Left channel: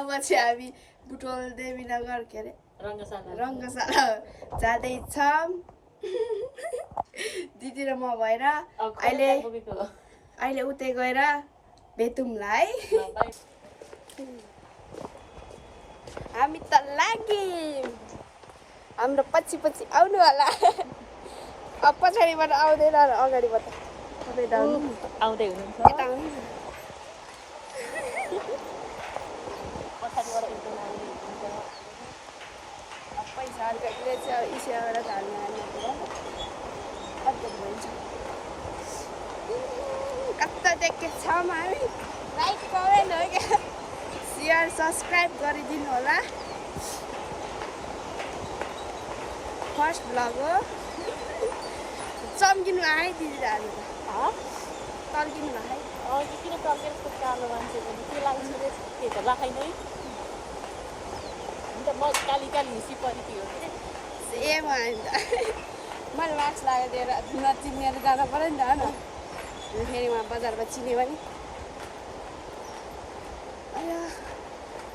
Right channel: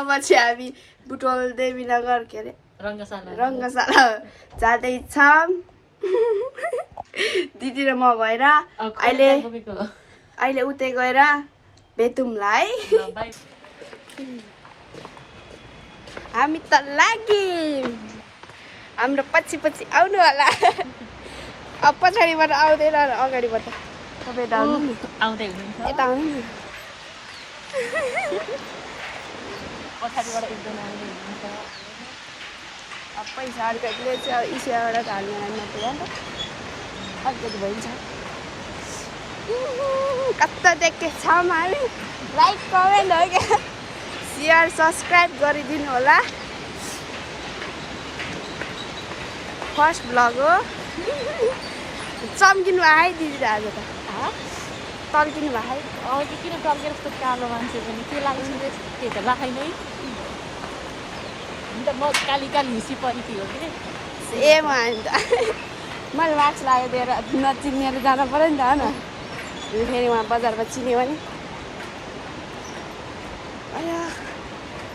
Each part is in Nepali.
अब चाहिँ हामी बुटवल देवीनगर के अरे रङ्गशाला जाँदैछौँ दिदी र म भएर अहिले उतै गएर भेटौँला है हामी त लाग्यौँ हाम्रो पछि आउनु होला अब पछाडिबाट आउँदैन अगाडिबाट तपाईँ आउँदै यता आउनु पछाडिबाट एकजना आउँदै हुनुहुन्छ अब पैसा अर्काले चाहिँ इसियाबाट हाल्नु नपुग्यो नि त अलिकति भइन्छ कता देखेछौँ हामी लाइक कमेन्ट हो क्या सेयर सब्सक्राइब गरिदिनु होला फर्स्ट भ्लग हो चम्किनु भयो है दिदी आज त तर्किनु भयो है अघि किन टर्केर यस्तो कालो मान्छे पनि के लाग्छ त्यो त राखाइ नै अन्त म काली हिसी परेकी हो कि ए म मैले मार्क्स लगाइदिएर नचिनेर जानु पऱ्यो नि त होइन फेरि उहाँ बजारमा चिन्यो भने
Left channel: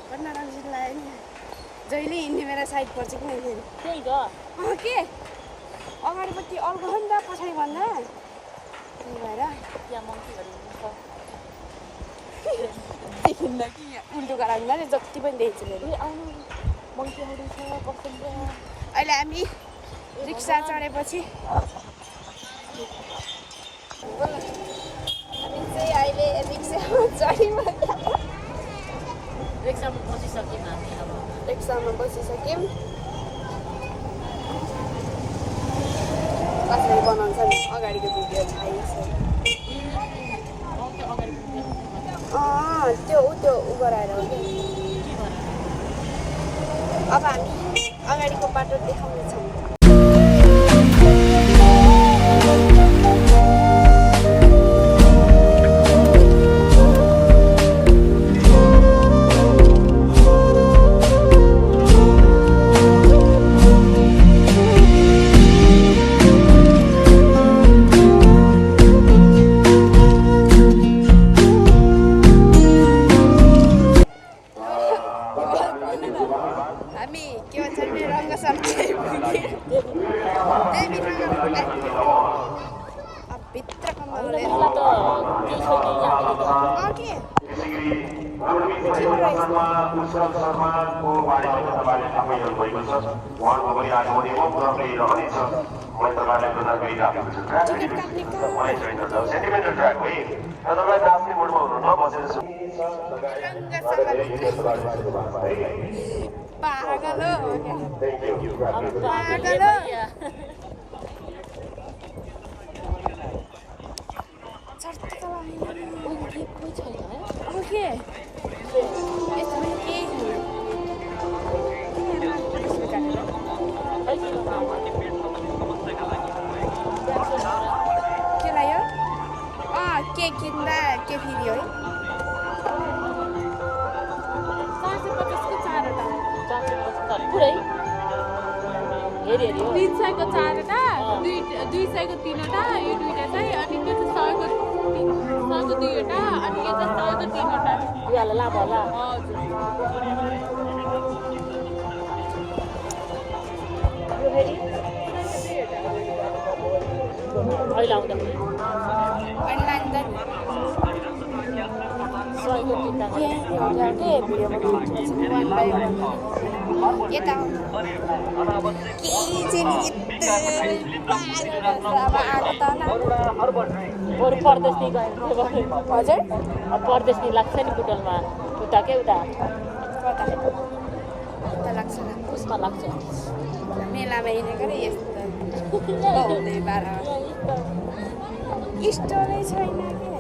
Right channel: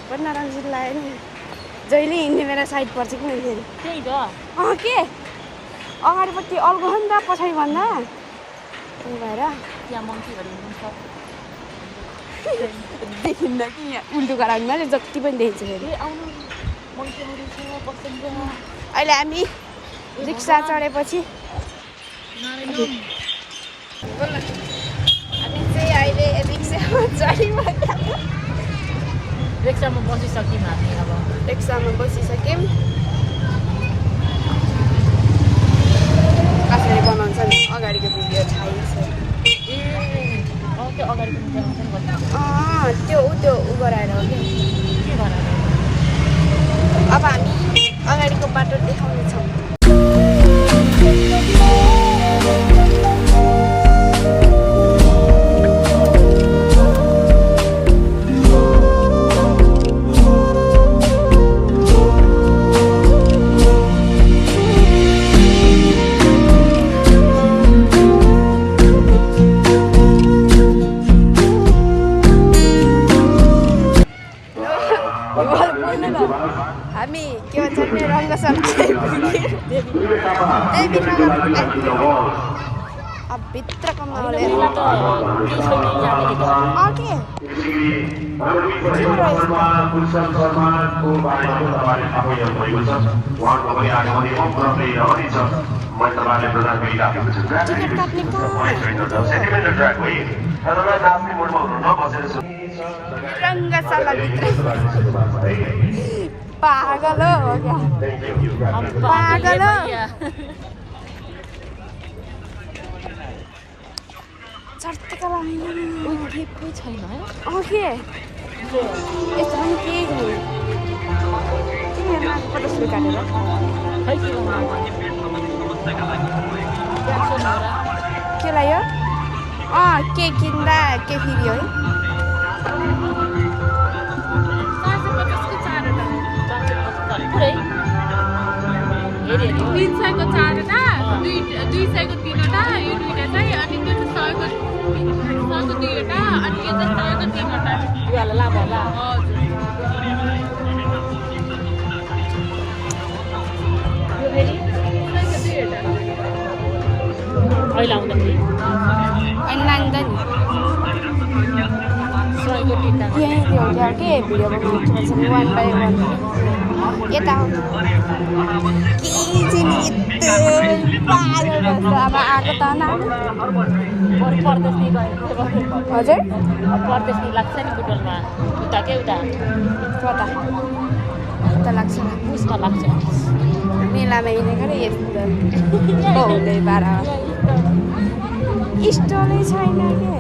बन्न रङ्सित लाग्यो नि जहिले हिँड्ने मेरो साइड पर्छ कि फेरि त्यही त के अगाडिपट्टि अल्गो हो नि त पछाडि भन्दा त्यही भएर त्यहाँ मङ्कीहरू हुनुहुन्छ देखिन्न कि यहाँ उल्टो गराउनु मैले जति पनि देख्छु फेरि आउनु मङ्कीहरू छ बस्नुहुन्छ अहिले हामी रिक्सा चढेपछि हामी चाहिँ अहिले रिक्सामा चढ्यौँ रिक्सामा बसिसक्यौँ हामी अब रिक्सामा बसिसक्यौँ कसरी बनाउँछ नि अगाडिको भिडियो छाइन्छ त्यो ऊ गराएर हो कि अब हामी अगाडिको बाटो देखाउनेछौँ हामी के भन्छ भने रङ्गशाला अब भित्रको माहौल रङ्गशालाभित्र पागल हो क्या पागल हो चर्चका कोही छैन है के यस्तो पनि के के लाग्यो के किन्दा के फेरि है पुरै हेरी 300 को 4वटा 200 को 3वटा यो दुईटा चाहिँ अनि त्यो चाहिँ 100 को 2वटा अनि यो चाहिँ 100 को 3वटा यो होला लाभ होला यो फेरि 200 अहिले आउँदाखेरि अनि लान्छ नि 100 को 3वटा यही हो क्या के भिडियो बनाउँछ 1 by 1 यता अब आएको त बरु परदेश हजुर परदेश लाग्छ नि बुटवलमा उता के उता उता लाग्छ उसमा लाग्छ मेलामा हिँडेको र यस्तो हुँदै बाह्र स्टलै छैन के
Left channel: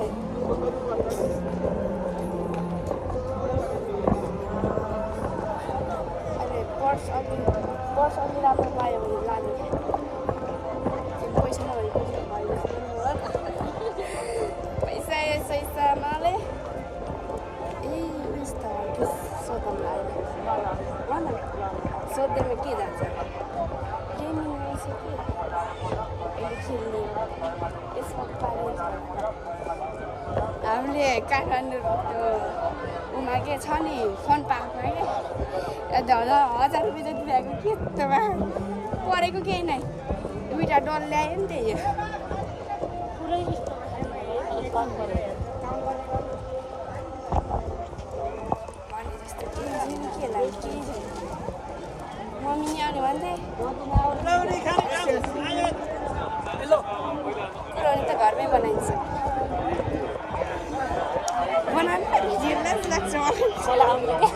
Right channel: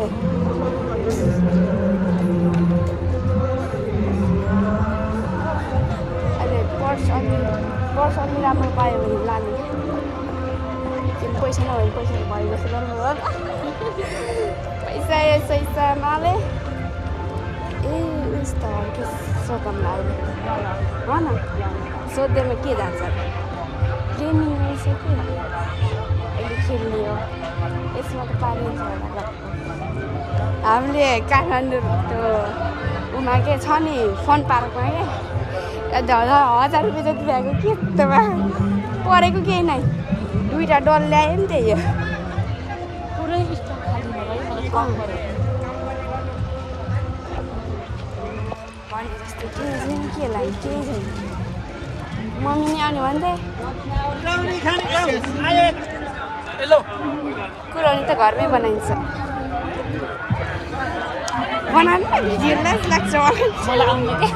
पर्स अलि राम्रो पायो भने लाने पैसा नभए पैसा भयो जस्तो गर्नु पैसा यसैसा माले ए यस्तो सोधौँ लाग्यो हो न सोध्दैमा के जान्छ ट्रेनिङ रहेछ कि अहिले खेल्ने हो यसमा त पारिन्छ होला हामीले काठमाडौँ त्यो पार्कमा के छ नि फन पार्कमा के 1000 रुपियाँ जति भएको के तमा परेको केही नै दुईटा डल ल्यायो नि त्यही हो पुरै स्टक खाली नभई मलाई कम गरे भने जस्तो केही छैन के लाग्यो केही छैन मम्मी नि आउने भन्थे कुरानी त घरमै बनाइन्छ बनाउनु जिल्लास लाग्छ मलाई आउनु के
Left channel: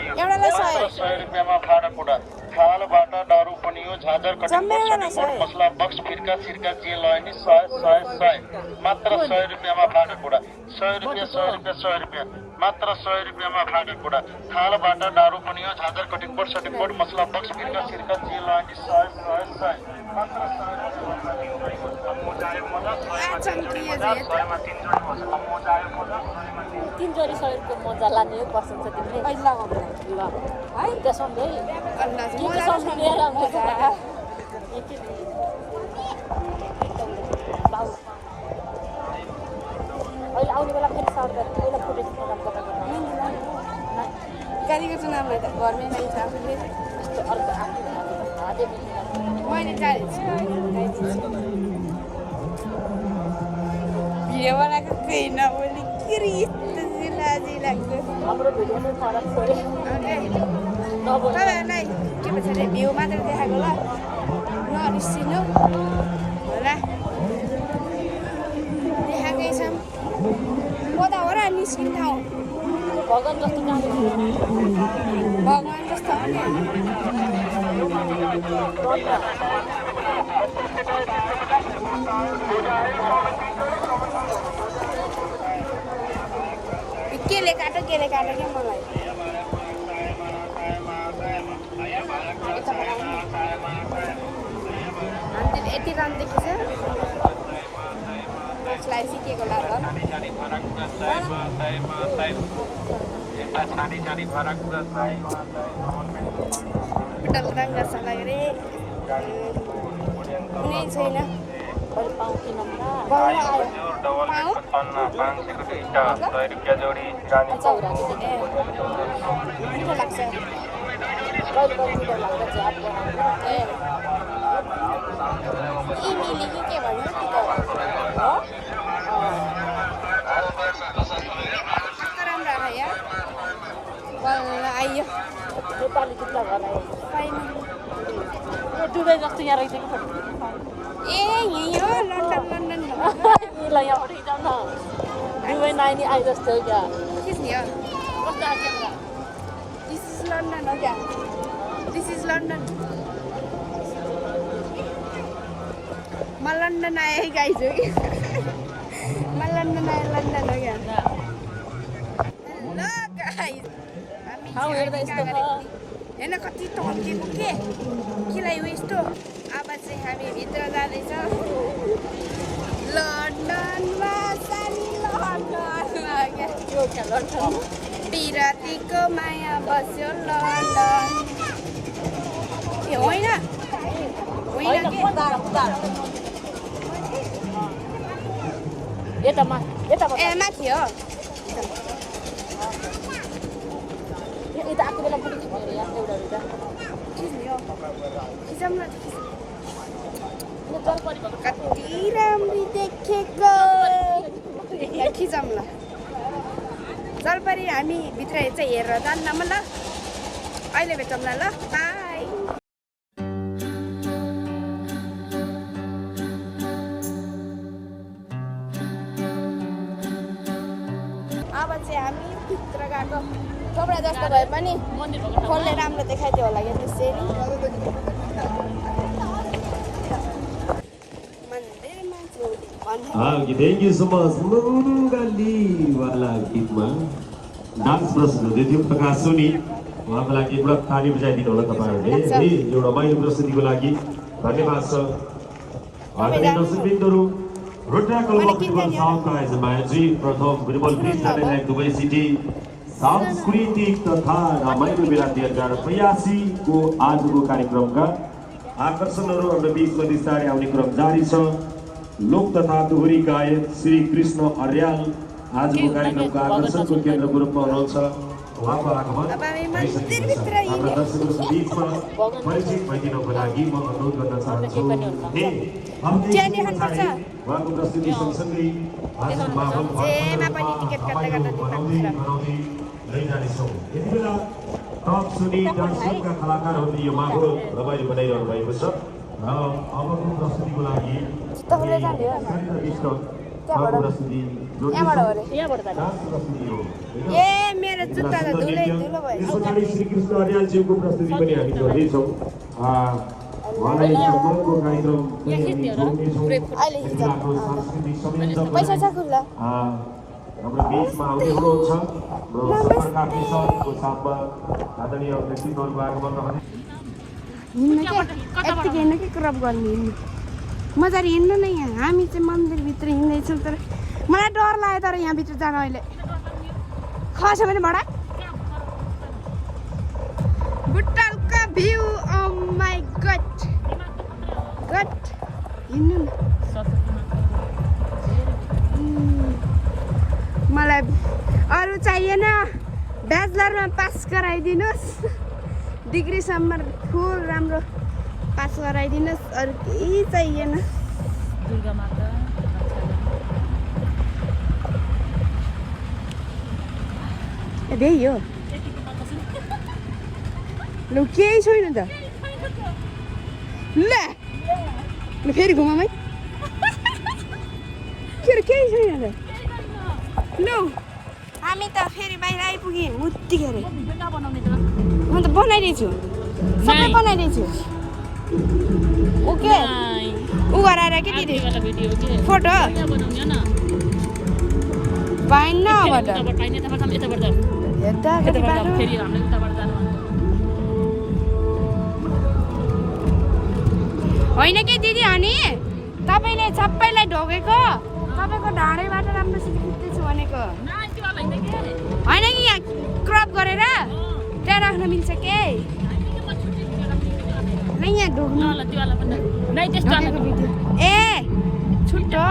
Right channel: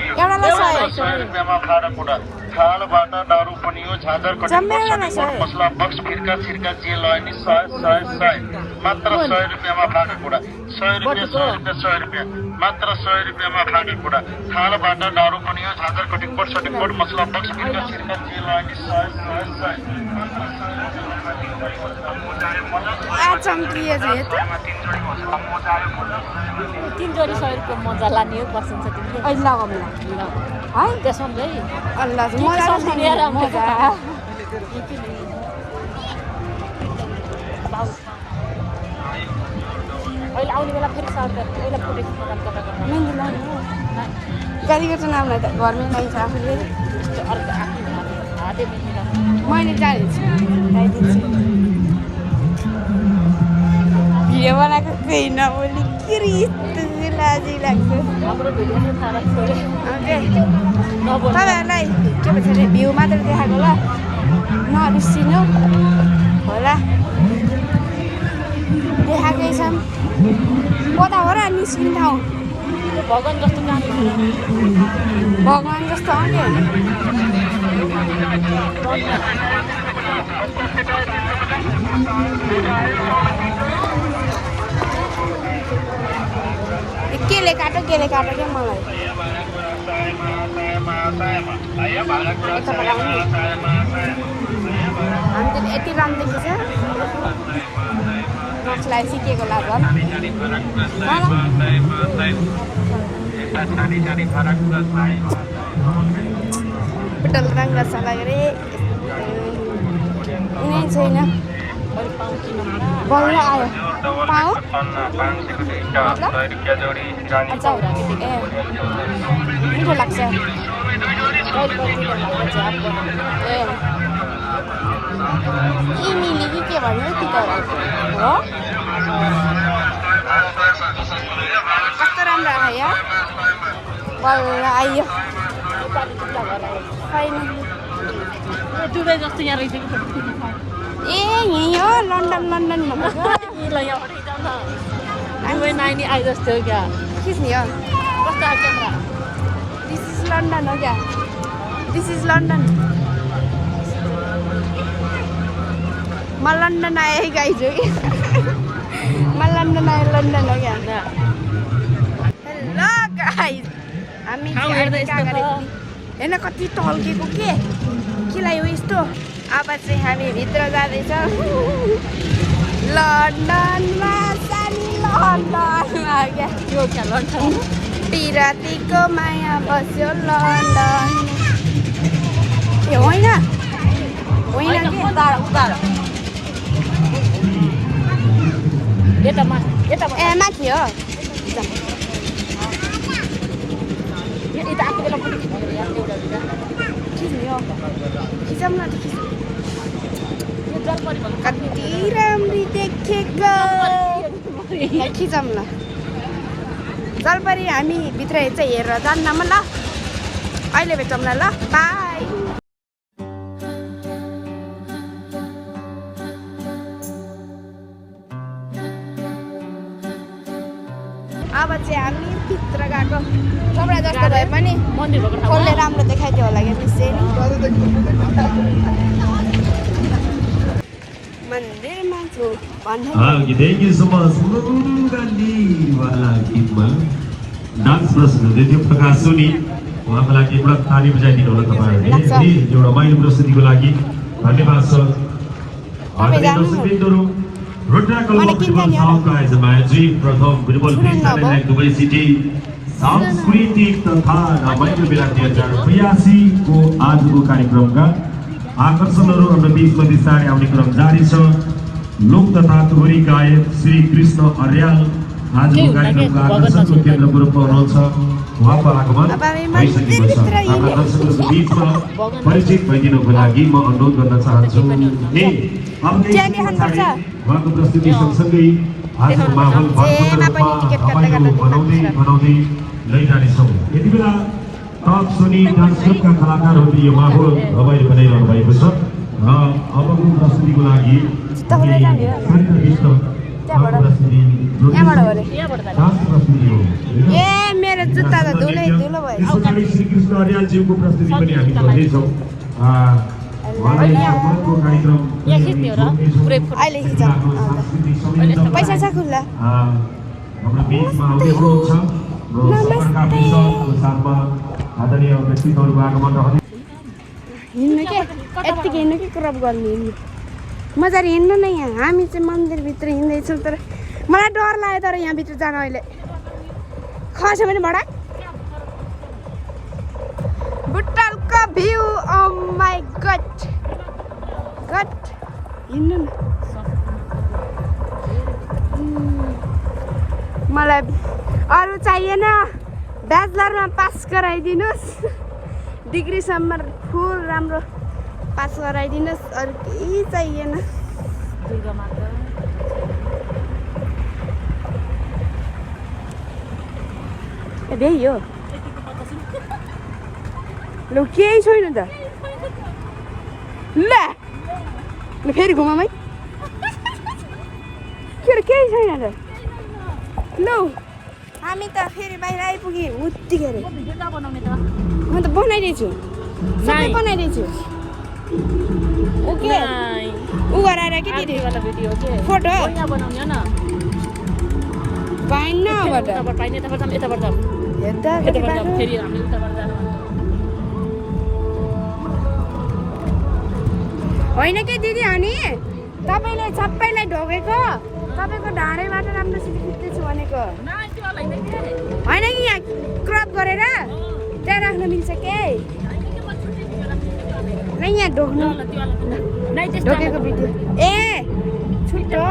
एउटालाई 100 जम्मै एउटालाई 100 मात्र 100 रुपियाँमा फाटा कुरा 100 रुपियाँ मात्र 100 रुपियाँमा फाटा कुरा थालबाट दारू पनि हो झादर कटिङ बोर्ड सटिङ बोर्ड मसला बक्स बिर्का सिर्का तेल अनि 100 चम्किए चाहिँ तीन जोडी 100 रुपियाँ मजा लाने हो बसिन्छ तिमीले अहिले लगाउनु है त्यसो हुन्छ है अल्लाह मजा बाउ अहिले आउने बेला फेरि सर्ट गर्नु पहिला फोटो खिच्न कता गर्नु मेहन्दी लानु गाडीको चाहिँ नामलाई त घरमै लगाइन्छ आफूले यस्तो अर्को आफ्नो हाते मेहन्दी लाग्नु मैले जानेछु लगाइदिन्छु भिडियो बनाएको केही नबोली किरिस्तो लाजी लाग्छ हाम्रो भिडियो नै थाहा छोड्यो नबोल्नु तपाईँहरूलाई के भन्छ अरे भ्यू मात्र देखाएको ल नबिर्सिनु होला देखाएकै छौँ कता हो र निस्किने ठाउँ भगवान् जस्तो काम भगवान् जस्तो आउने केले काटो क्या मलाई हामी यति रामदेखि छ नक्सलाई सिकेको लाग्छ पेट्रोल रङ्ग सलायो रे कुनै छैन बल्ल आयो पाऊ मतलब मिठो लाग्छ ए मिली कि के भन्नु तितौरा हो कस्तो राम्रो आयो यहाँ बल्ल आइयो नेपाली जुत्ता घर आयो छैन दुबई जस्तो यहाँ रहेछ ए यहीँ हो लन्डन दुबई नानी आए जस्तो हो क्या खिच्ने हो कस्तो आयो क्यामेरा दिस इज लन्डन हो क्या दिस इज लन्डन म लन्डन आएँ गाइज हो म लन्डन आएँ लन्डन हो क्या हेलो गाइज हामी हेर्न कति टल्केको के लागि हो यस्तो अब चाहिँ हामी भित्र जाँदैछौँ लन्डनमा सानी लन्डनमा क्या त्यो क्या लन्डन पिरातीको माया बस्यो लन्डन ए होइन के यता ए माथि हो यता आएको बेला पनि खिच्ने अरे यहाँ एउटा दुईटा खिच्ने हो खिचौँ न यो जलपरी भन्नु कति राम्री देखेको खिचौँ न जलपरी हामी भित्र चाहिँ हेरेर जान्न म ल अहिले भेटौँला ल बाई अब चाहिँ हामी भित्र गएको कपडा जस्तो भए पनि फोनले राम्रो देखाइदियो होला क्या निश्चय नि मन्दिरमा छु भन्दै Thank you so much. Gandhi वाला गीत में डांस प्रस्तुत हुँदै थियो प्रकाश सोनी उहाँको लागि एउटा ताली बजाइदिनु होला तपाईहरुले यो रमाइलो प्रस्तुतिको लागि धन्यवाद छ तपाईँ जानु प्रथम बिरबल दुबई सिटी सांस्कृतिक तथा रमाइलो बेला 2082 को आजको कार्यक्रमका आकर्षणहरू हाम्रो बिचमा बिस्तारै आउने क्रम जारी छ। लोक तथा टोरी गायक श्री कृष्ण अर्याल आजको कार्यक्रमको आकर्षणको केन्द्रको रूपमा हुनुहुन्छ। उहाँको आगमन भइसकेको छ। हाम्रा दर्शकहरूको बिचमा परिचित भइदिनको लागि म अनुरोध गर्न चाहन्छु। उहाँको प्रस्तुति सँगसँगै आजको माहौल बनाउँदै लैजानेछौँ। यति बेला टप सोनी डान्स ग्रुपका कलाकारहरूले यो माहौल रमाइलो बनाइरहनु भएको छ र अबको प्रस्तुतिको लागि ए मेरो जुत्ता त धुलै धुलो भयो। श्री कृष्ण अर्यालजीको प्रस्तुति पनि हामी गर्दैछौँ। अहिले खिचौँ पैसा छ खुल्ला। हाम्रो बिचमा आउनुहुन्छ आदरणीय व्यक्तित्वहरूको आगमन रहने हिँड्नु के यत्तिकै हिँड्नु कि क्रप गर्ने हिँड्नु मजाले हिँड्नु न। यहाँ हामी चाहिँ मन्दिरभित्र हिँड्दैछौँ तर मलाई डर लाग्यो तर यहाँभित्र जान। अहिले खस्यो भने भडा बुट्टालको view oh my God God हिँड्नु न। मलाई अरू चाहिएन, ब्याचलरमा पास गराइदिनुहोस्, डिग्रीसम्म फुल राम्रो पास गराइदिनुहोस्, अरू केही चाहिएन। दुर्गा माता त्यही हो लु केही छैन त। ल फेरि घुमामै के केही छैन त। लु हामी त फेरि बाहिर आइपुग्यौँ उत्तिखेर। म त बनाइदिन्छु सबै बनाइदिन्छु। ओके ऊ गराएर के दिदी फोटो पाइन्न होइन कि दिदी अनि तपाईँले सबैलाई ढोकेको तपाईँको ढाडैबाट राम्रोसित खिच्दैछु भनेको होइन कि यहाँ क्रप गरेर त्यहाँ राख्न मिल्छ के यहाँ ढोक्नु ढोकेको भिडियो ए छुट्टो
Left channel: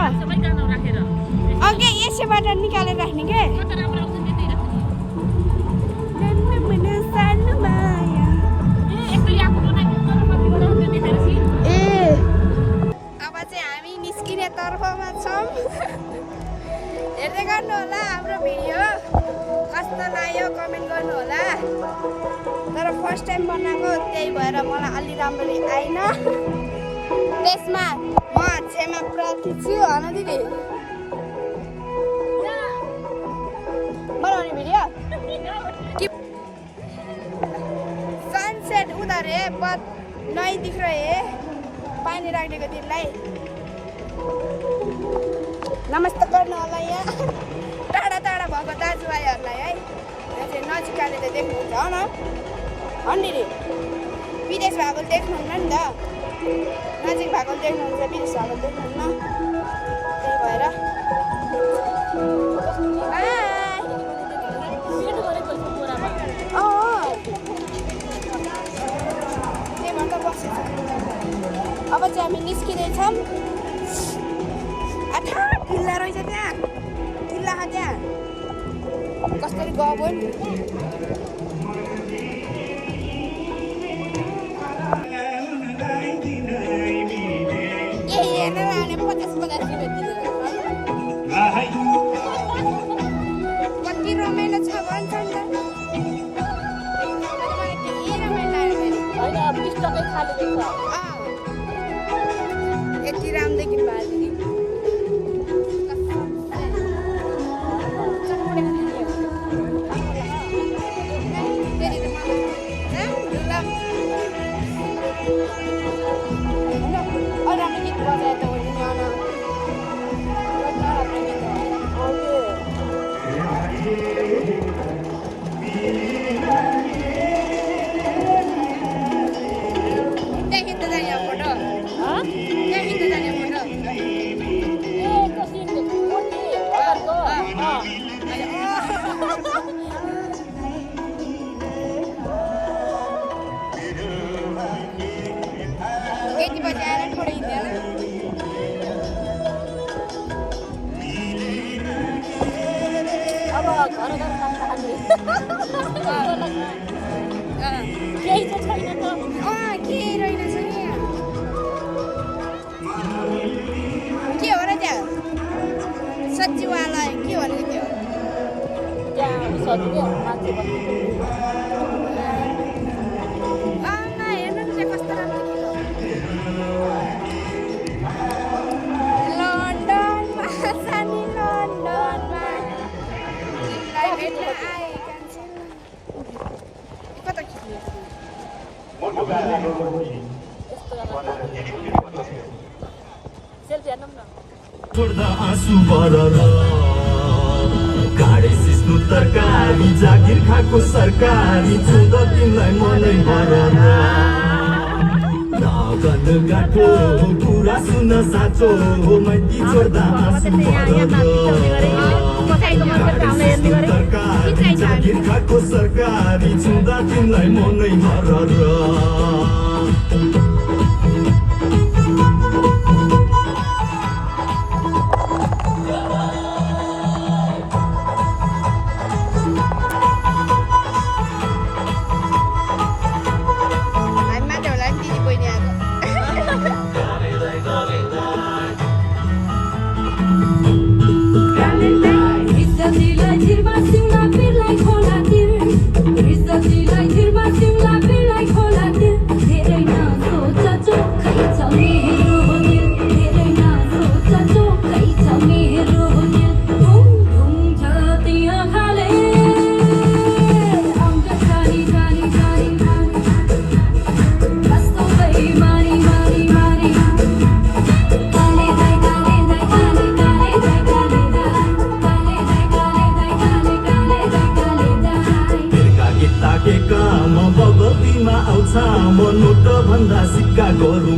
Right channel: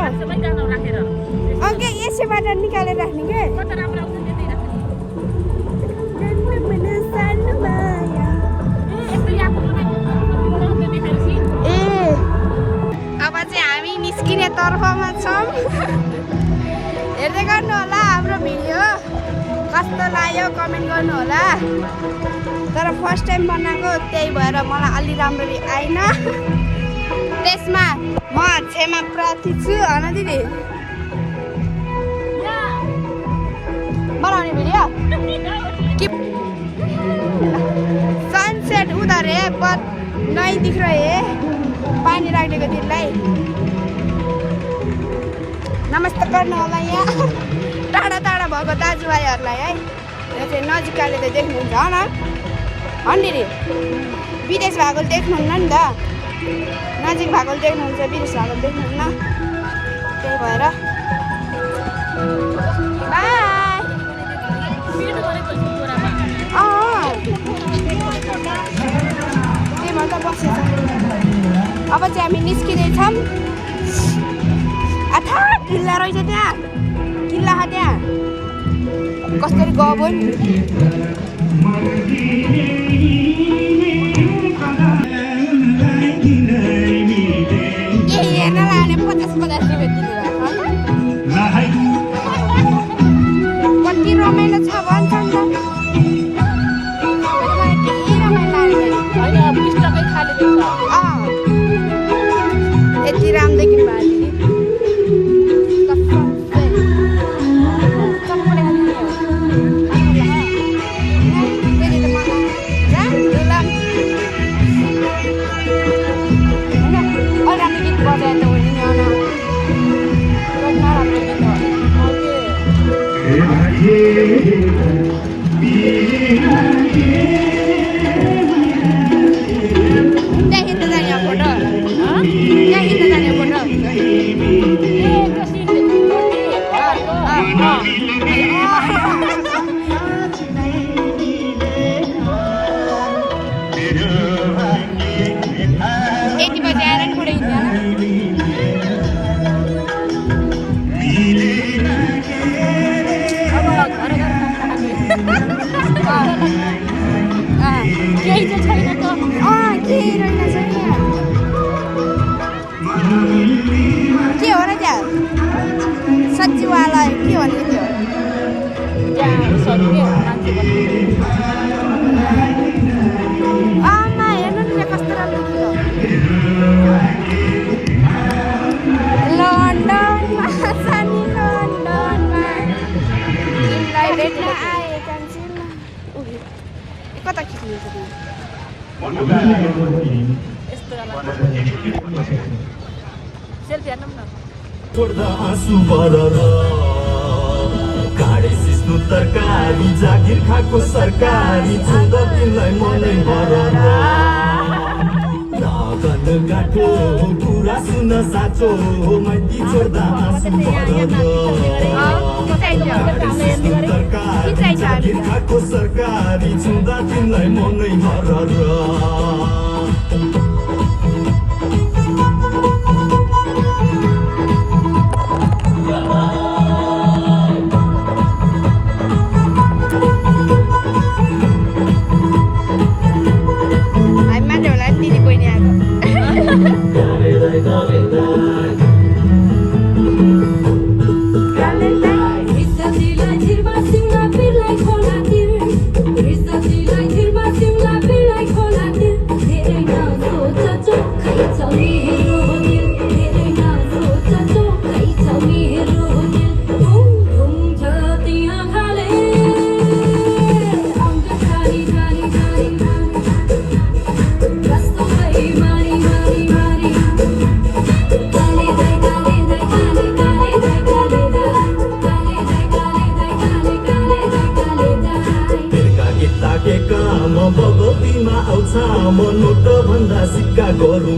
अघि यसैबाट निकालेर राख्ने के। अब चाहिँ हामी निस्किने तर्फमा छौँ। हेर्दै गर्नु होला हाम्रो भिडियो कस्तो लाग्यो कमेन्ट गर्नु होला। तर फर्स्ट टाइम बनाएको त्यही भएर मलाई अलि राम्ररी आएन। त्यसमा म क्षमा प्रार्थी छु। होइन दिदी बनाउने भिडियो कि सनसेट उधर है पर नहीं दिख रहे है पानी राखेको दिदीलाई नमस्ते गर्नु होला। यहाँ टाढा टाढा भएको दाजुभाइहरूलाई है यो चाहिँ नजिकले त देख्नुहुन्छ न दिदी। विदेश भएको देख्नुहुन्न नि त, नजिक भएको देख्नुहुन्छ, विदेश भएको देख्नुहुन्न। त्यही भएर बाई। त्यहीमा त बसेछ। अब चाहिँ हामी निस्किँदैछौँ। आठा किल्ला रहेछ त्यहाँ, किल्ला छ त्यहाँ कसरी गयो नि। हेर्न लाने 50 रुपियाँ कति रमाइलो छ भन्छ नि त। केही रमाइलो यति राम्रोदेखि भयो दिदी। राम्रो गीत बजाए त हुने नराम्रो गीत त्यहाँ हिँड्दा जाने फोटो, त्यहाँ हिँड्दा जाने फोटो। के रहेनछ यहाँ के हो र त्यहाँ सचिवालय के भन्ने त्यो त्यहाँ उसहरू के मान्छे भन्ने आमा हेर्नु न त्यहाँ कस्तो राम्रो देखियो लन्डनमा सानी लन्डनमा तिमीलाई भेट्न आएका छिन् कता खिच्नु यस्तो सेल्फी हान्नु न छोड्दा आँसु बरर काडे सिस्नु तरकारी जागिर खाएको सरकारी छुँद तिमीलाई मनै बरर नगन गाठो कुरा सुन साँचो मैती छोड्दा आँसु बरर काडे सिस्नु तरकारी जागिर खाएको सरकारी छुँदा तिमीलाई मनै बरर बगतीमा आउँछ म नोट भन्दा सिक्का गरौँ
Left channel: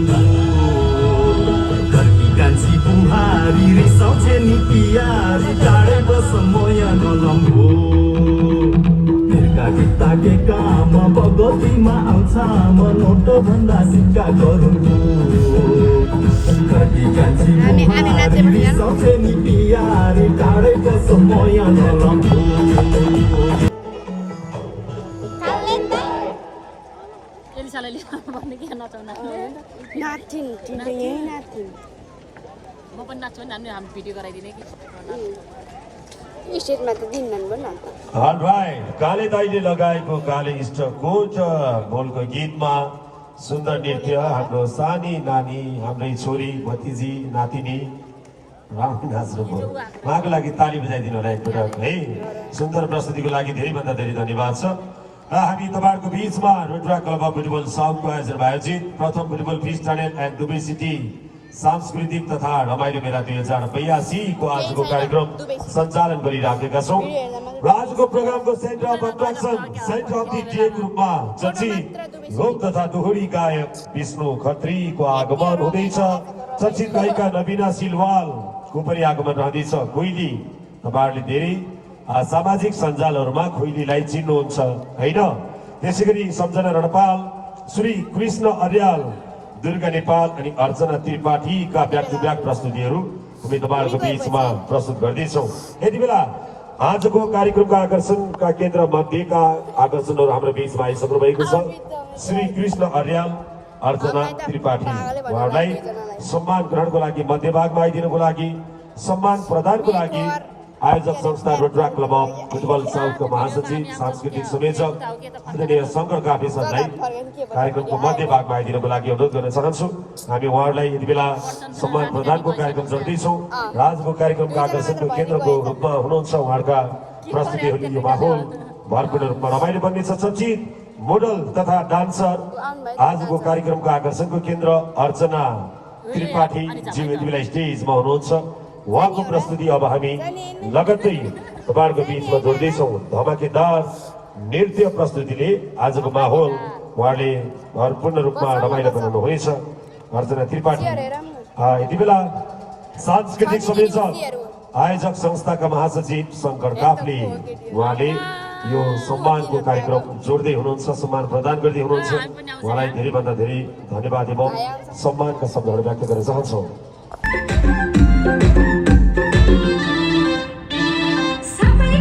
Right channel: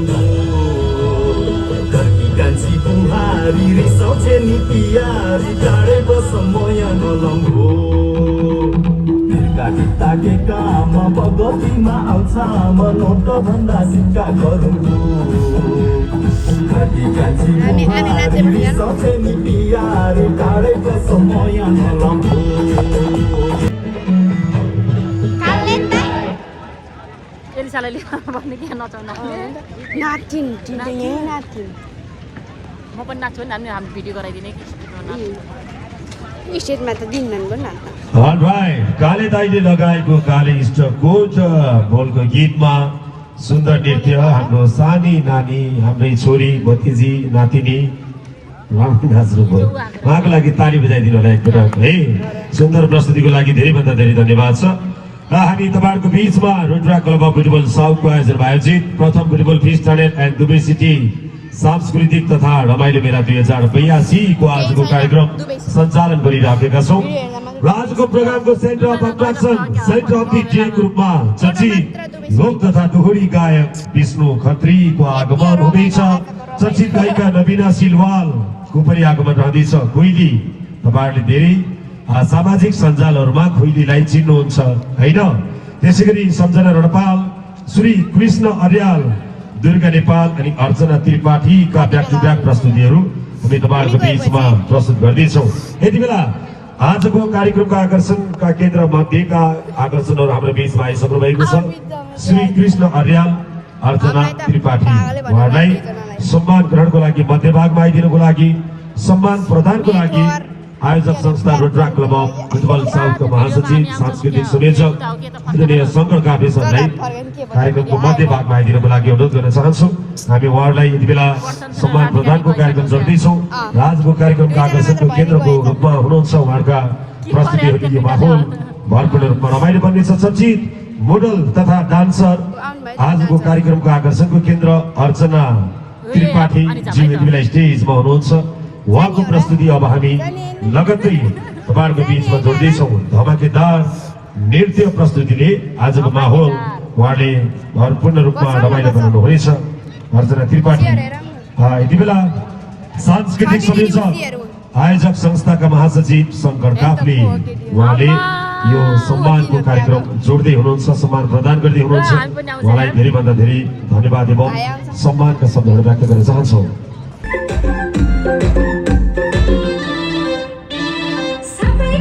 घरकी कान्छी बुहारी रिसाउँछे नि पियारी टाढै बस म यहाँ नलम्बो ताके काम बगतीमा आउँछ म नोट भन्दा सिक्का गरौँ घरकी कान्छी बुहारी रिसाउँछे नि पियारी टाढै बस म यहाँ नलम्बो भन्ने के नचाउन नातिन तिमीले यही नातिन म पनि नाच्छु नि हामी भिडियो गराइदिने कि स्टेटमा त दिन्नन् भन न त भाइ काले दाइले लगाएको काले स्टकको बोलको गीतमा सुन्दर नृत्य हाम्रो सानी नानी हाम्रै छोरी भतिजी नातिनी राम्रो नाच्नुभयो उहाँको लागि ताली बजाइदिनु होला एकपटक है सुन्दर प्रस्तुतिको लागि धेरैभन्दा धेरै धन्यवाद छ र हामी तपाईहरुको बीचमा रुद्रा क्लब अफ फुटबल साउथको आयोजनमा आयोजित प्रथम football fest tournament and Dubai city सांस्कृतिक तथा रमाइलो मेला 2082 को आजको कार्यक्रम सञ्चालन गरिराखेका छौं। र आजको प्रोग्रामको centre of attraction centre of the day ग्रुपमा चर्चित लोक तथा दोहोरी गायक विष्णु खत्रीको आगमन हुँदैछ। चर्चित गायिका नवीना सिलवालको पनि आगमन रहँदैछ। कोइली तपाईहरुले धेरै सामाजिक सञ्जालहरुमा खोइलीलाई चिन्नुहुन्छ हैन। त्यसैगरी सम्झना रणपाल, श्री कृष्ण अर्याल, दुर्गा नेपाल अनि अर्चना त्रिपाठीका ब्याक टु ब्याक प्रस्तुतिहरू हामी तपाईहरुको बीचमा प्रस्तुत गर्दैछौँ। यतिबेला आजको कार्यक्रमका आकर्षणका केन्द्र मध्येका आकर्षणहरू हाम्रो बीचमा आइसक्नु भएको छ। श्री कृष्ण अर्याल, अर्चना त्रिपाठी उहाँलाई सम्मान ग्रहणको लागि मध्यभागमा आइदिनुको लागि सम्मान प्रदानको लागि आयोजक संस्था रुद्रा क्लब अफ फुटबल साउथको महासचिव सांस्कृतिक संयोजक आदरणीय शङ्कर गाविसलाई कार्यक्रमको मध्यभागमा आइदिनुको लागि अनुरोध गर्न चाहन्छु। हामी उहाँहरूलाई यति बेला सम्मान प्रदानको कार्यक्रम गर्दैछौँ। आजको कार्यक्रमको आकर्षणको केन्द्रको रूपमा हुनुहुन्छ उहाँका प्रस्तुतिहरूको यो माहौल भरपूर्ण रूपमा रमाइलो बन्नेछ। चर्चित मोडल तथा डान्सर आजको कार्यक्रमको आकर्षणको केन्द्र अर्चना त्रिपाठी जी यति बेला स्टेजमा हुनुहुन्छ। उहाँको प्रस्तुति अब हामी लगत्तै तपाईहरुको बीचमा जोड्दैछौँ। धमाकेदार नृत्य प्रस्तुतिले आजको माहौल उहाँले भरपूर्ण रूपमा रमाइलो बनाउनु हुनेछ। अर्चना त्रिपाठी यति बेला सांस्कृतिक संयोजक आयोजक संस्थाका महासचिव शङ्कर काफ्ले उहाँले यो सम्मानको कार्यक्रम जोड्दै हुनुहुन्छ, सम्मान प्रदान गर्दै हुनुहुन्छ। उहाँलाई धेरैभन्दा धेरै धन्यवाद एवं सम्मानका शब्दहरू व्यक्त गर्न चाहन्छौँ। Sabai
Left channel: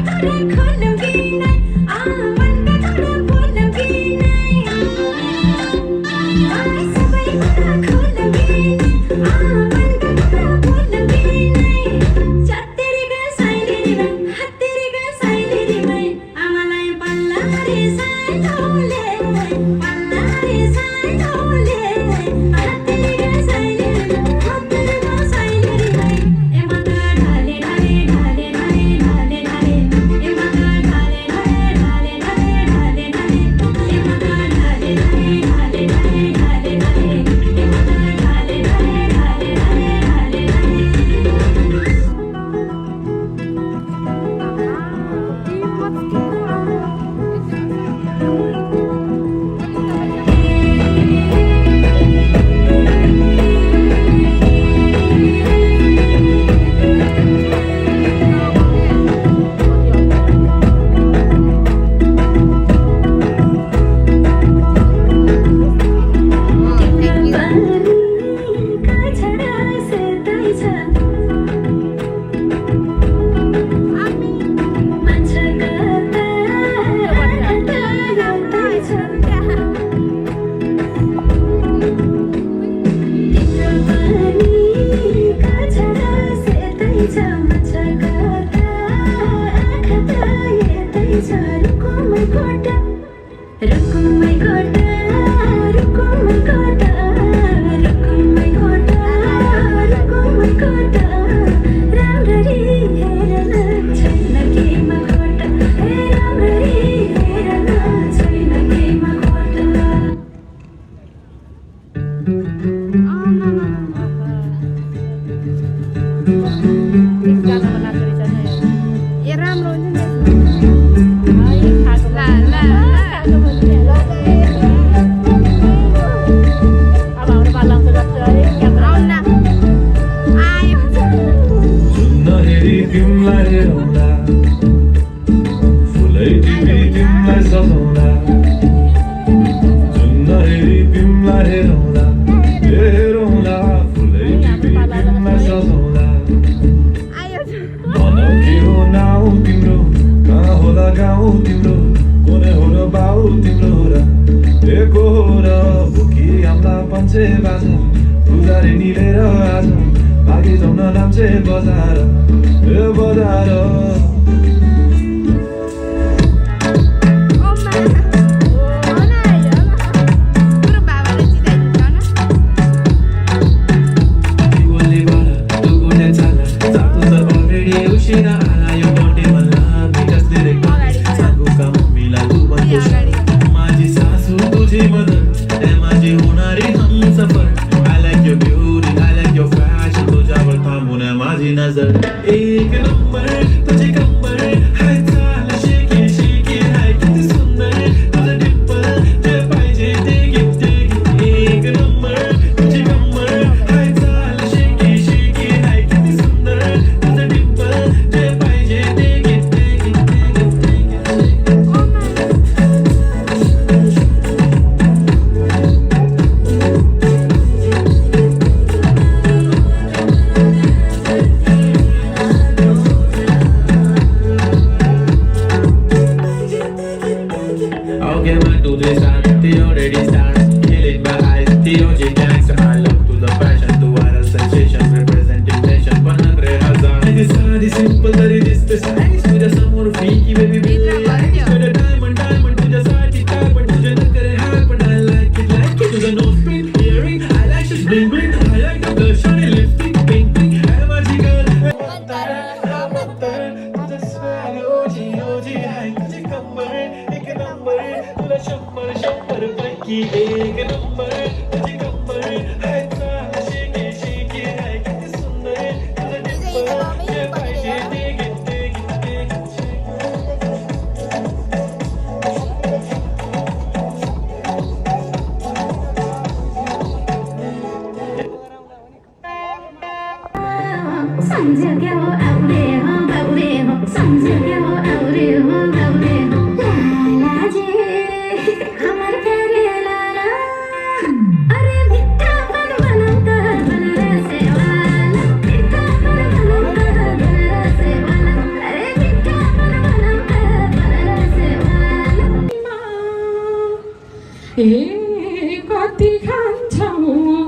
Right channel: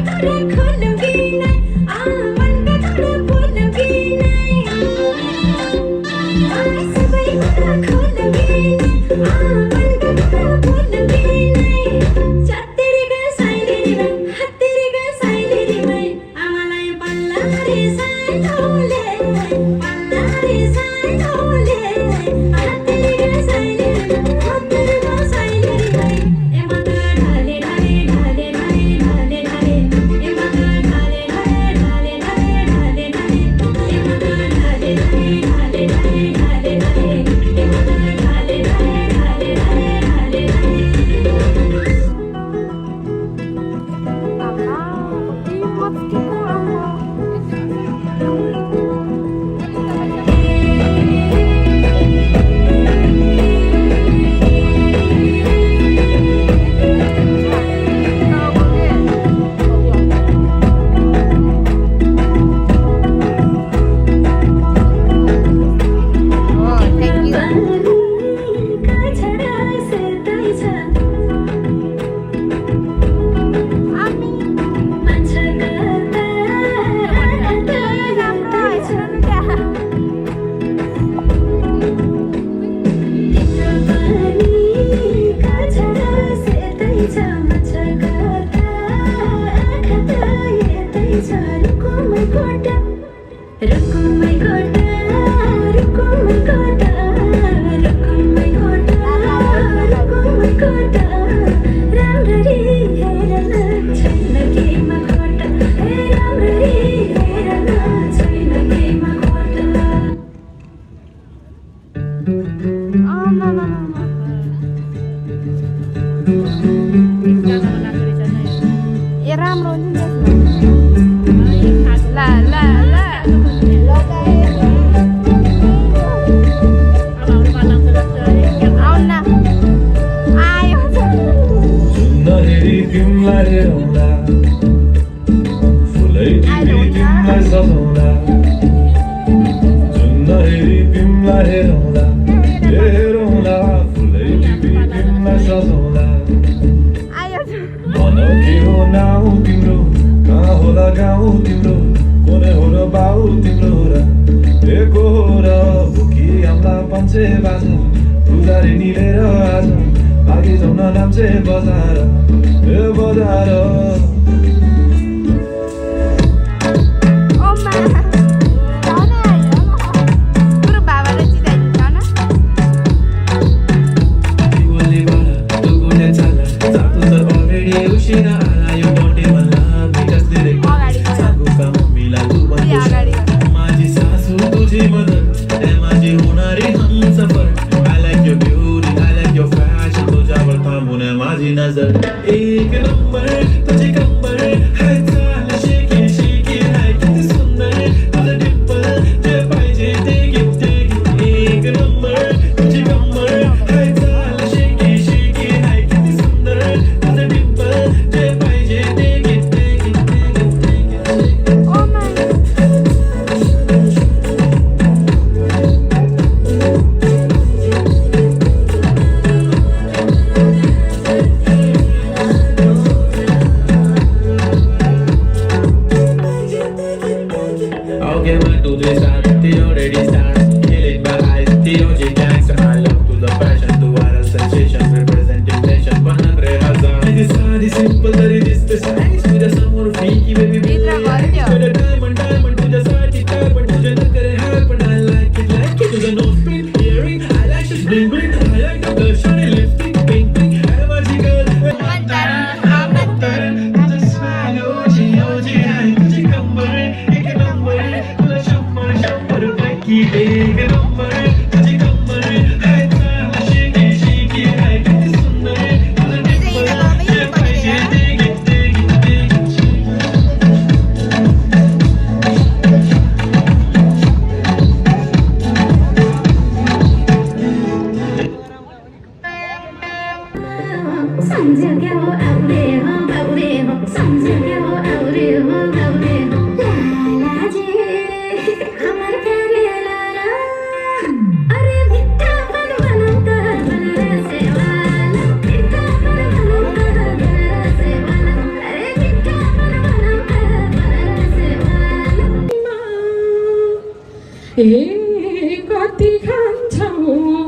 कति खान्छौ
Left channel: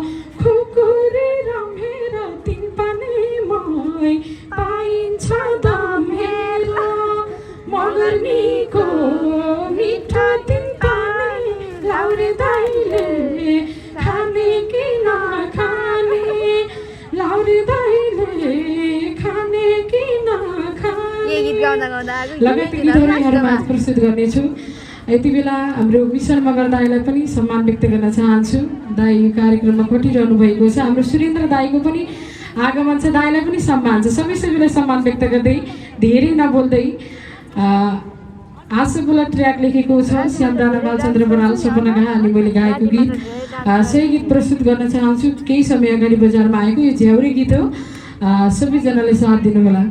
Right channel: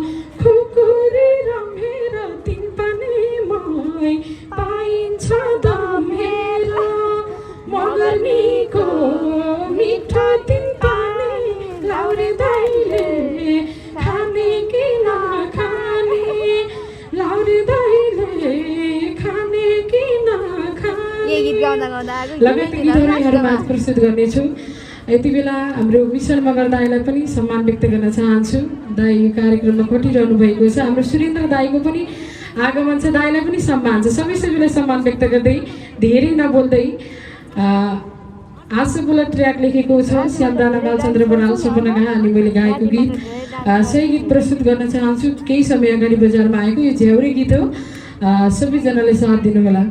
लगायत गीतहरू यहाँहरूमा प्रस्तुत गर्नेछु। यति बेला हाम्रो मिसन मगर दाईलाई पनि सम्मान व्यक्त गर्न चाहन्छु। दाई यो कार्यक्रममा खटिरहनु भएको छ। हाम्रो सुरेन्द्र दाईको पनि आगमन छ, दाईलाई पनि सम्मान छ। सबैलाई सम्मान व्यक्त गर्दै धेरै नबोल्दै आशा बोला ट्र्याक लेखेको छ श्यामराणा बालचन्द्र बराल सपना गाहा अनि मैले गाएको गीत सही गीत प्रस्तुत गर्न चाहन्छु। केही समय अगाडि बजारमा आएको यो झ्याउरे गीत हो, सबैजनाले साथ दिनु होला।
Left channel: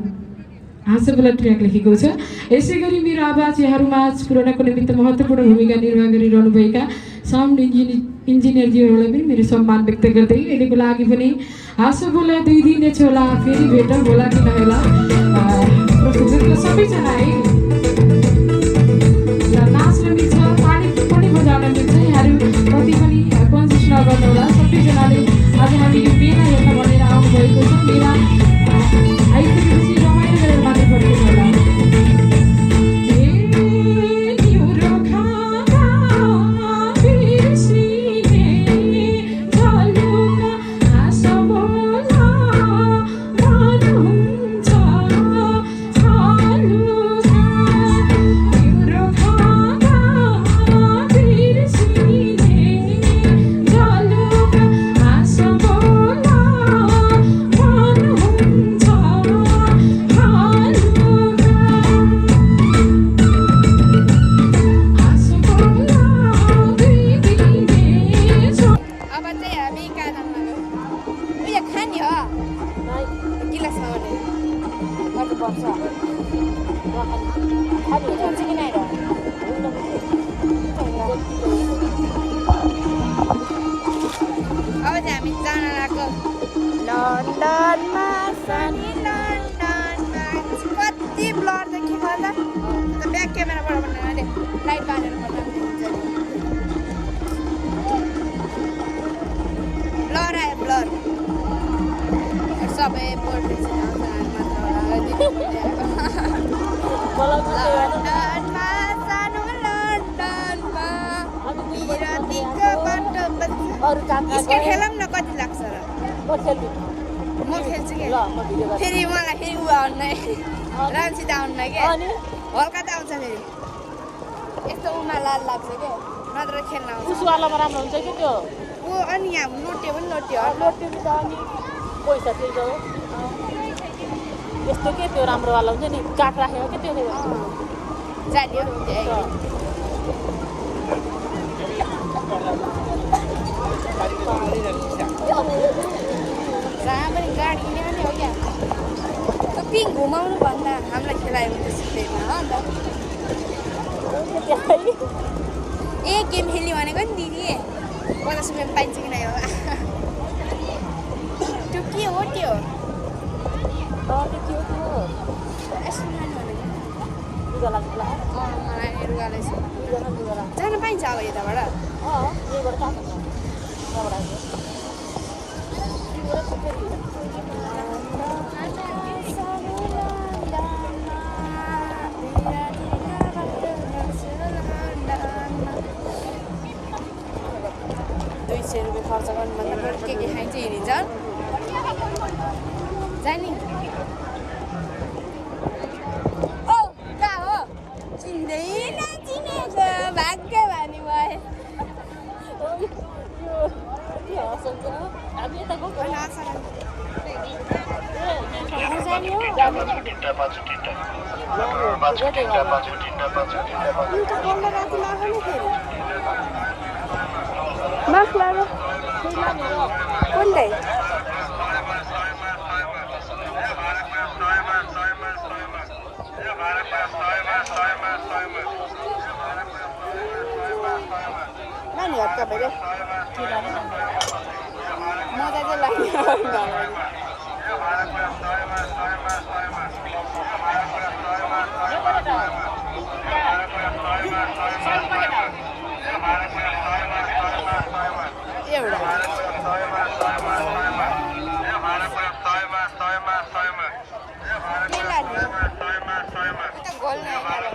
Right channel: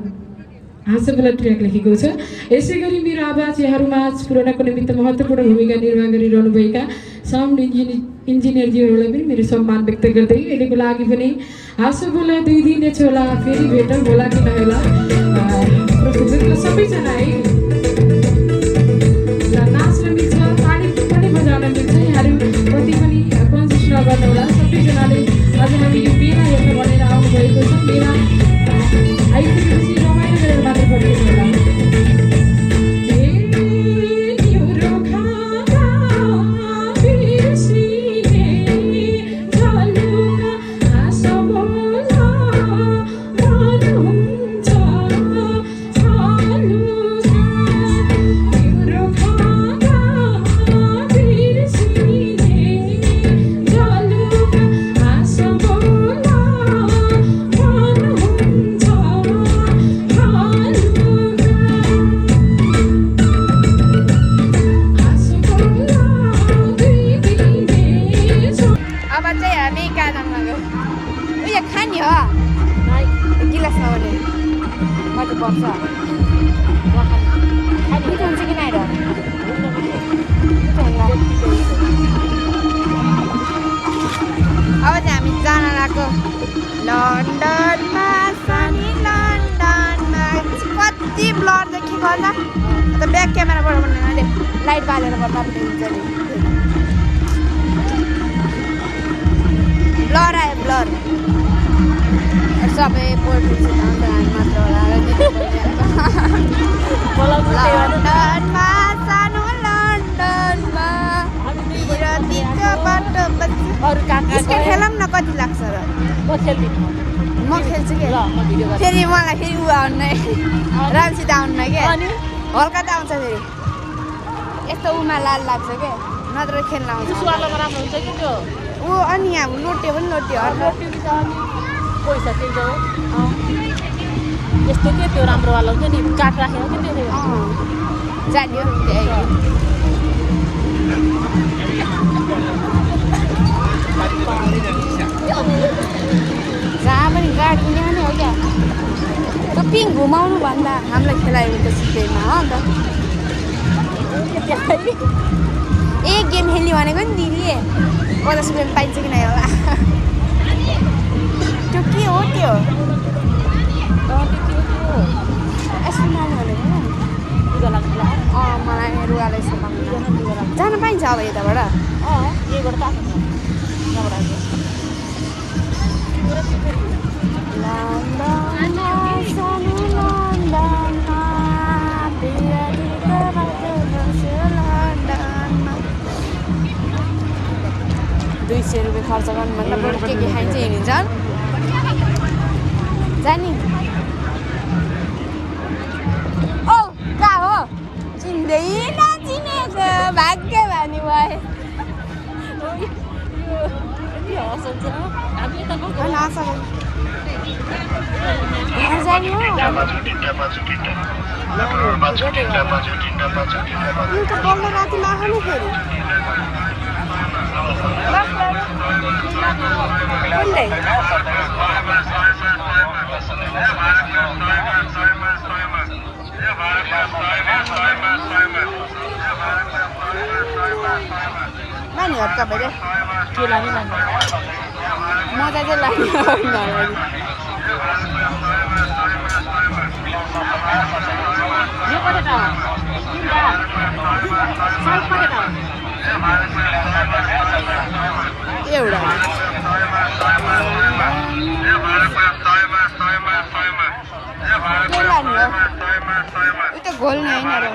आशा बोला ट्र्याक लेखेको छ। यसै गरी मेरो आवाज यहाँहरूमाझ पुर्याउनको निमित्त महत्त्वपूर्ण भूमिका निर्वाह गरिरहनुभएका साउन्ड इन्जिनियरजीहरूलाई पनि मेरो सम्मान व्यक्त गर्दै अहिलेको लागि पनि आशा बोला 2 दिन छोला फेरि भेट होला कि नहोला प्रस्तुत सबैजना है नाच्न मिल्छ, ताली पनि बजाउन मिल्छ। यहाँहरू कति पनि कन्सिस नगर्नु होला। सबैजनाले आज हामी यो मेला हेर्न भनेर आउनुभएको छ। मेला आइसकेपछि रमाइलो गरेर मात्र फर्किनु होला। अब चाहिँ हामी जान लागेको लन्डनमा, सानी लन्डनमा। कति ब्लर देखेको होला त, ब्याक क्यामेराबाट भन्नु अरे लाइट बालेर गर्दा पनि हुन्छ नि। ब्लर आयो ब्लर, सबै पोल्ट्री आउँछ हामी मात्र होला। लन्डनमा सानो लन्डनमा बिरतीको बाटो स्केट खेलौँ न, कति लाग्छ र? म खेल्छु कि फेरि मलाई फेरि ऊ आउनु राम्रोसित आउनु क्या, हल्का त आउँछ फेरि यस्तो उमा लाल लाग्छ क्या, नत्र खेल्न आउँछ ऊ। अनि यहाँ लोटे पनि लोटे पैसा त्यही हो यस्तो के त्यो राम्रोवाला हुन्छ नि, काठ राखेको के त्यो जान्यो जहाँ पनि गाडी किने पनि हो क्या। पिङ घुमाउनु भन्दा हामीलाई खेलायो भने त सिधैमा हो त। एक गेम खेल्ने भनेको नि दिदी 50 रुपियाँ पाइन्छ कि नै होला। त्यो के हो त्यो? यस्तो नानी भनेको मलाई रुवालाई सम्मान जान पाइन्छ अब यताबाट? यहीबाट त आएको $200 खर्च गर्नुभन्दा बरु के खाइन्छ हिँडिन्छ जानी। ओ कहाँ हो? चिन्दै नचिनेको भाग्य भानी भयो। घर जाने हो रातिमा आउनु फेरि कुन्दै नानीहरू तपाईँले के लाने मजा चाहिँ लाग्ने एउटा के लाने हो उता घोल्ने होइन र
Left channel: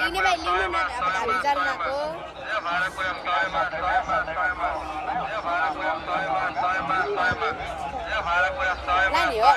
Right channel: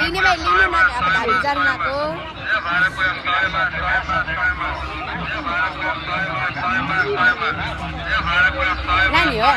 लिने भाइ लिनु न अब हामी जान्नको नानी हो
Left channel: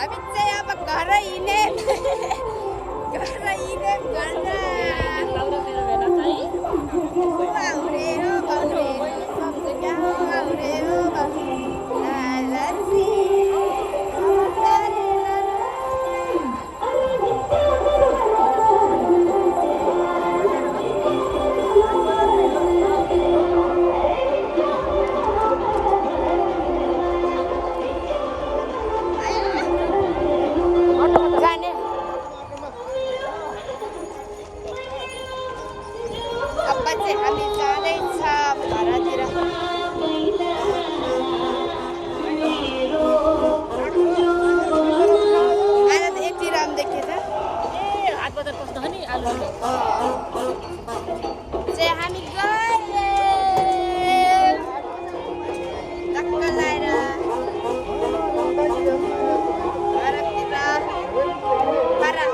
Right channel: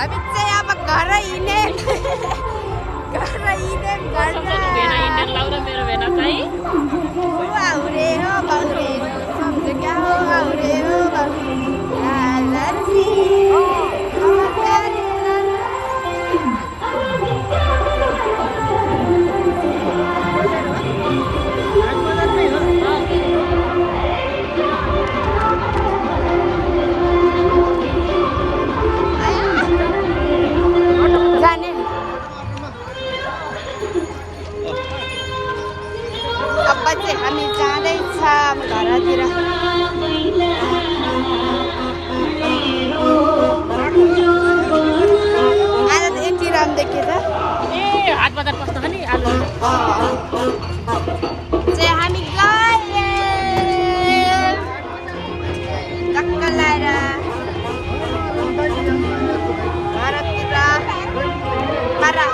हामी चाहिँ अब घर हिँड्ने आउरे हो बाउरे सब जग्गा हो आउरे हो जाने अब चाहिँ हामी जाँदैछ घरतिर आज त यति राम्रो देखेँ त चाहिँ हामी गयौँ टक्क लाएर घरतिर para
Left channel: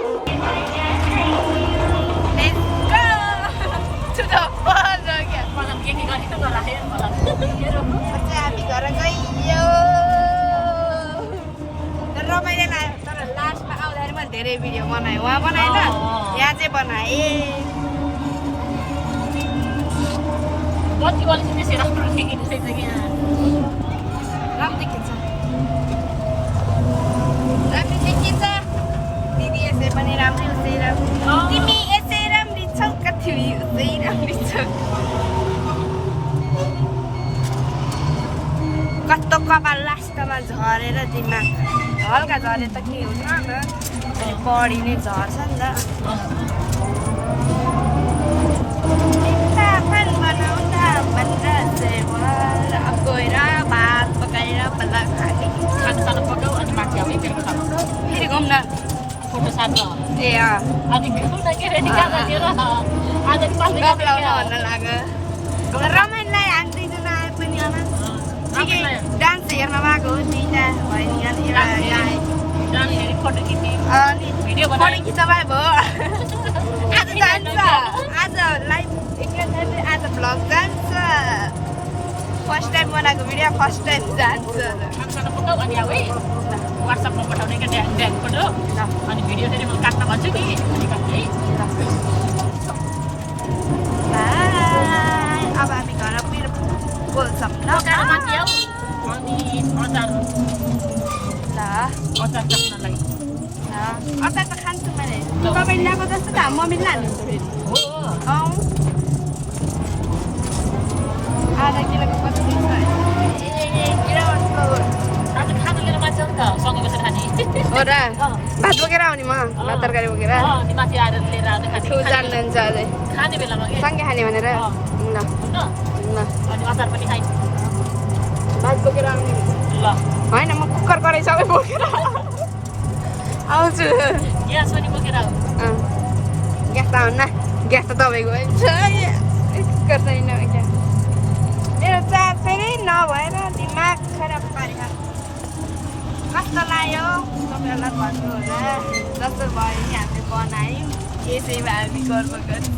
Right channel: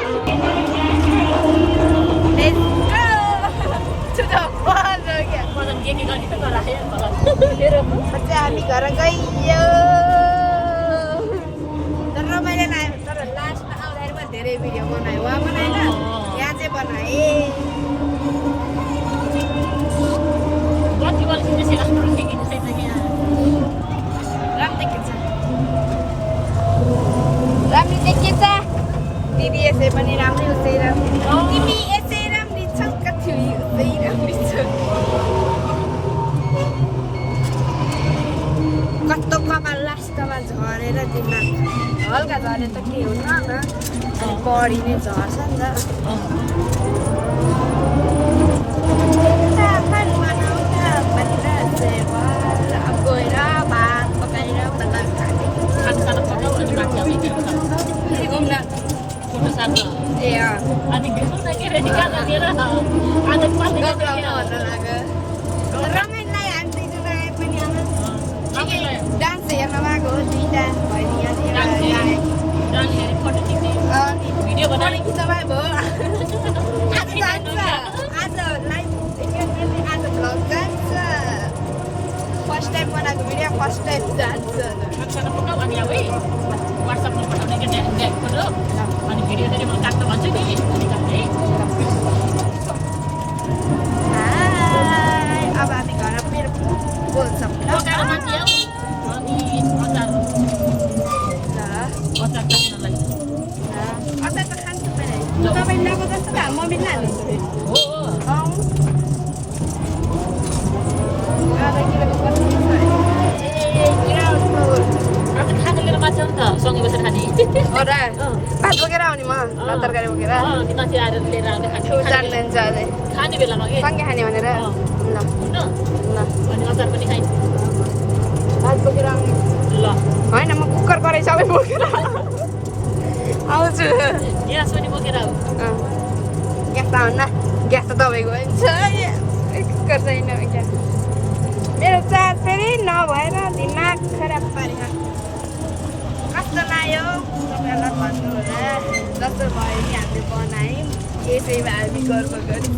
let's go to the ball again हामी घर गयो तर रमाइलो लाग्यो तर लास्टमा आउँदाखेरि मैले धेरै भिडियो बनाएँ उहाँ बनाएन यहाँ चाहिँ बनाएँ राम्रो देखिन्छ दिदी यसै पनि राम्रै उसै राम्रो तिमी यसै राम्री छौ कति उसै राम्री छौ कस्तो कपाल लास्टमा झरेर दिमाग हल्का झरे त के हुन्न न अनि बढी नै झर्छ नि त बनाउँदा भनेर चाहिँ अब गएर भात पकाएर बल्ल खाने फेरि घुम्न ए भन्न लाग्यो रमाइलो हामी दुईजना आए पनि डान्स हेर्न भएको हो दुईवटा भयो नि अनि फोटो खिच्न भयो आज जान्छ आज लाइभ आज भ्लग जान्छ फर्स्ट टाइम बनाएको भिडियो फर्स्ट टाइम जान्छ अब हामी घर फेरि बोल्छौँ अचार त खान्छु मैले तपाईँ ल्याएको जस्तो त मम्मीले हाल्नुहुन्छ आधा किलोको कति खाना लिएर मान्छे आउँछ सँगै बसेर खाने हो र भात बोकेर आउने म तरकारी बोकेर माथि आएर लिएर आउँदै खाने बेलामा के सँगै खाने भनेर हुन्छ अनि अचार पनि खाइन्छ भात बोकेर आउने ल होइन म कुकर कराई सबै बोकेर आउँछु यहाँ सोनी बोकेर आऊ ग्यास त आउन्न ग्यास त तपाईँको कुकर छैन ग्यास मेरो चार्ज फेरि नभएर दिमाग खराब पारेर कस्तो लाग्यो तपाईँहरूलाई भन्नु होला जस्तो भयो नि हामीले बनायौँ यसैमा हामी गर्व गर्छौँ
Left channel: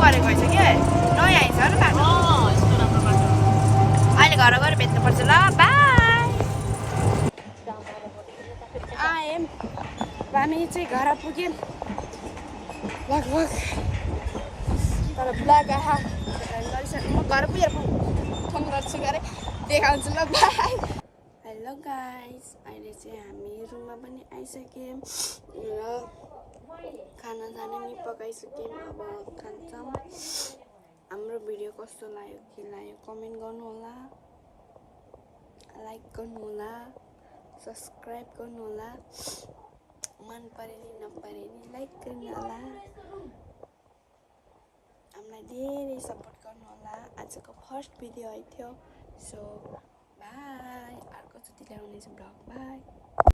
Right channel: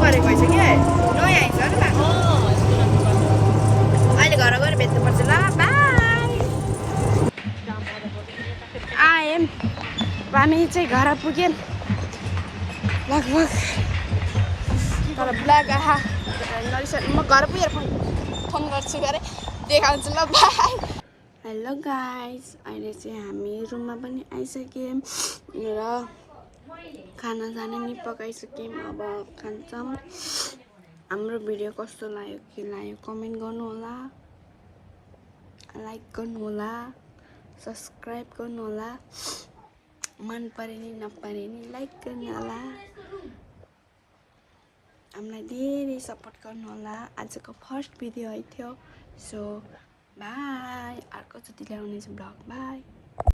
गरेको रहेछ क्या नयाँ आइन्छ नि बाटो अहिले घर गएर भेट्नुपर्छ ल बाई आयौँ हामी चाहिँ घर पुग्यौँ लगभग तर ब्लग गरिसक्नु म घर पुगेर फोन गर्छु गरे देखाउँछु ल बाई हेलो गाइस अहिले चाहिँ हामी रुममा पनि आइसक्यौँ र खाना साना नि पकाइसक्यौँ अब खान्छौँ हाम्रो भिडियो कस्तो लाग्यो के लाग्यो कमेन्ट गर्नु होला लाइक गर्नु होला, सब्स्क्राइब गर्नु होला, मन परे नि नपरे नि लाइक गर्नु होला, हामीलाई धेरै सपोर्ट गर्नु होला। आजको फर्स्ट भिडियो है थियो। सो बाई, अर्को चोटि ल्याउनेछु ब्लग। बाई।